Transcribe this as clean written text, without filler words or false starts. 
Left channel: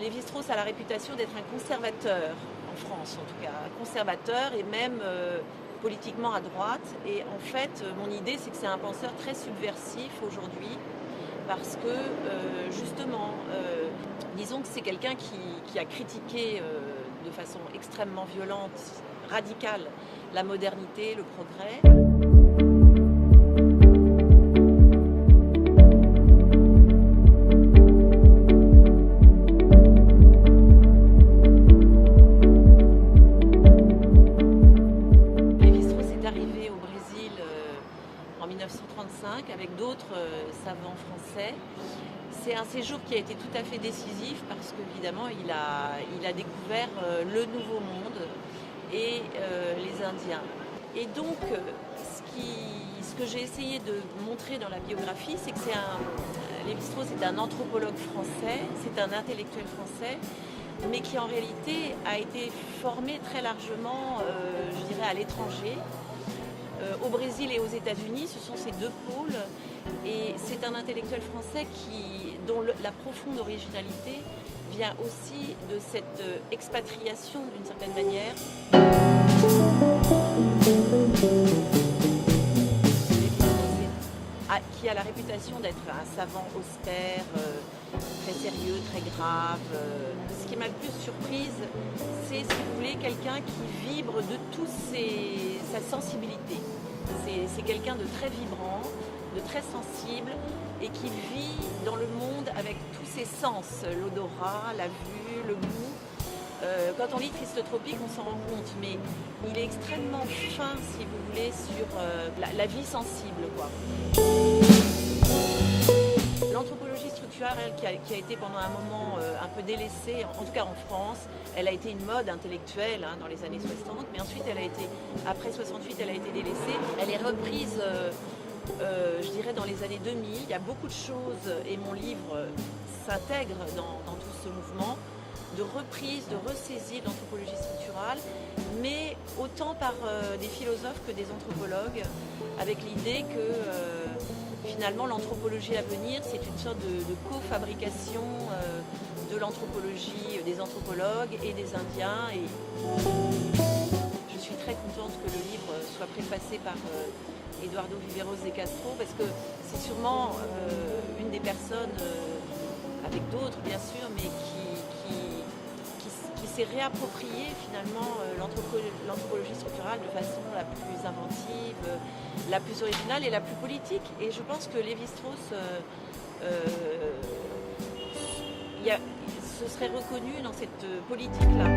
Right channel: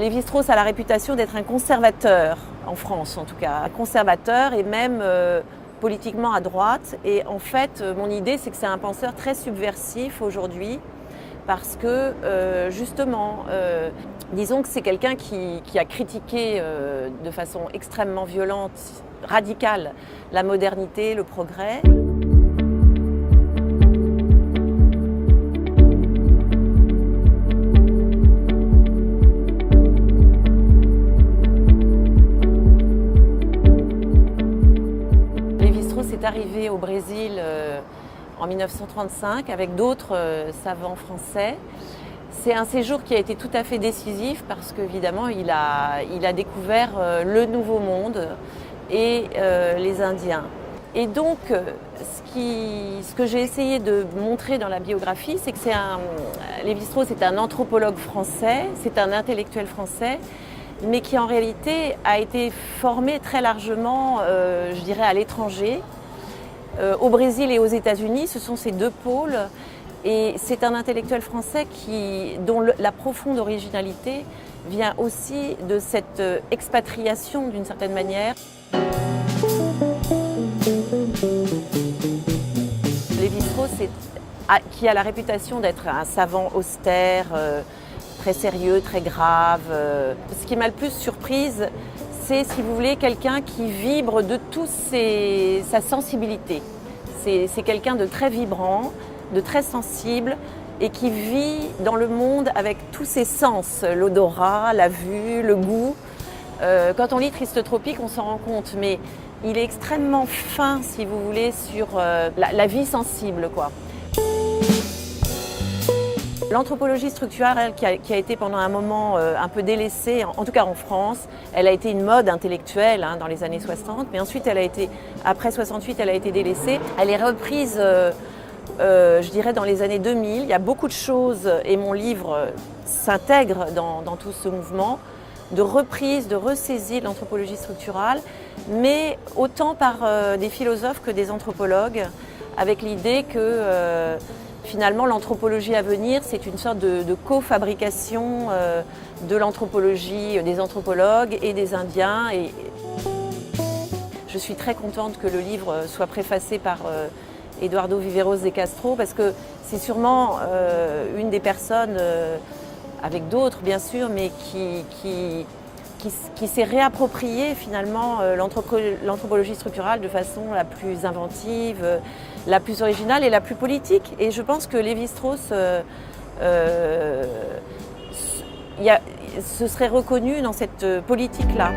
Lévi-Strauss a la réputation d'être un conservateur, en France en tout cas, un conservateur et même politiquement à droite. Et en fait, mon idée, c'est que c'est un penseur très subversif aujourd'hui, parce que justement, disons que c'est quelqu'un qui a critiqué de façon extrêmement violente, radicale, la modernité, le progrès. Arrivé au Brésil en 1935 avec d'autres savants français. C'est un séjour qui a été tout à fait décisif parce qu'évidemment il a découvert le Nouveau Monde et les Indiens. Et donc ce que j'ai essayé de montrer dans la biographie, c'est que Lévi-Strauss est un anthropologue français, c'est un intellectuel français, mais qui en réalité a été formé très largement, je dirais, à l'étranger. Au Brésil et aux États-Unis, ce sont ces deux pôles, et c'est un intellectuel français dont la profonde originalité vient aussi de cette expatriation d'une certaine manière. Lévi-Strauss, qui a la réputation d'être un savant austère, très sérieux, très grave. Ce qui m'a le plus surprise, c'est, si vous voulez, quelqu'un qui vibre de toute sa sensibilité. C'est quelqu'un de très vibrant, de très sensible et qui vit dans le monde avec tous ses sens, l'odorat, la vue, le goût. Quand on lit Triste Tropique, on s'en rend compte, mais il est extrêmement fin, si vous voulez, sur la vie sensible, quoi. L'anthropologie structurale, qui a été pendant un moment un peu délaissée, en tout cas en France, elle a été une mode intellectuelle dans les années 60, mais ensuite après 68, elle a été délaissée. Elle est reprise, je dirais, dans les années 2000. Il y a beaucoup de choses, et mon livre s'intègre dans tout ce mouvement, de reprise, de ressaisie de l'anthropologie structurale, mais autant par des philosophes que des anthropologues, avec l'idée que finalement l'anthropologie à venir, c'est une sorte de co-fabrication de l'anthropologie des anthropologues et des Indiens. Et je suis très contente que le livre soit préfacé par Eduardo Viveros de Castro, parce que c'est sûrement une des personnes, avec d'autres bien sûr, mais qui s'est réapproprié finalement l'anthropologie structurale de façon la plus inventive, la plus originale et la plus politique. Et je pense que Lévi-Strauss se serait reconnu dans cette politique-là.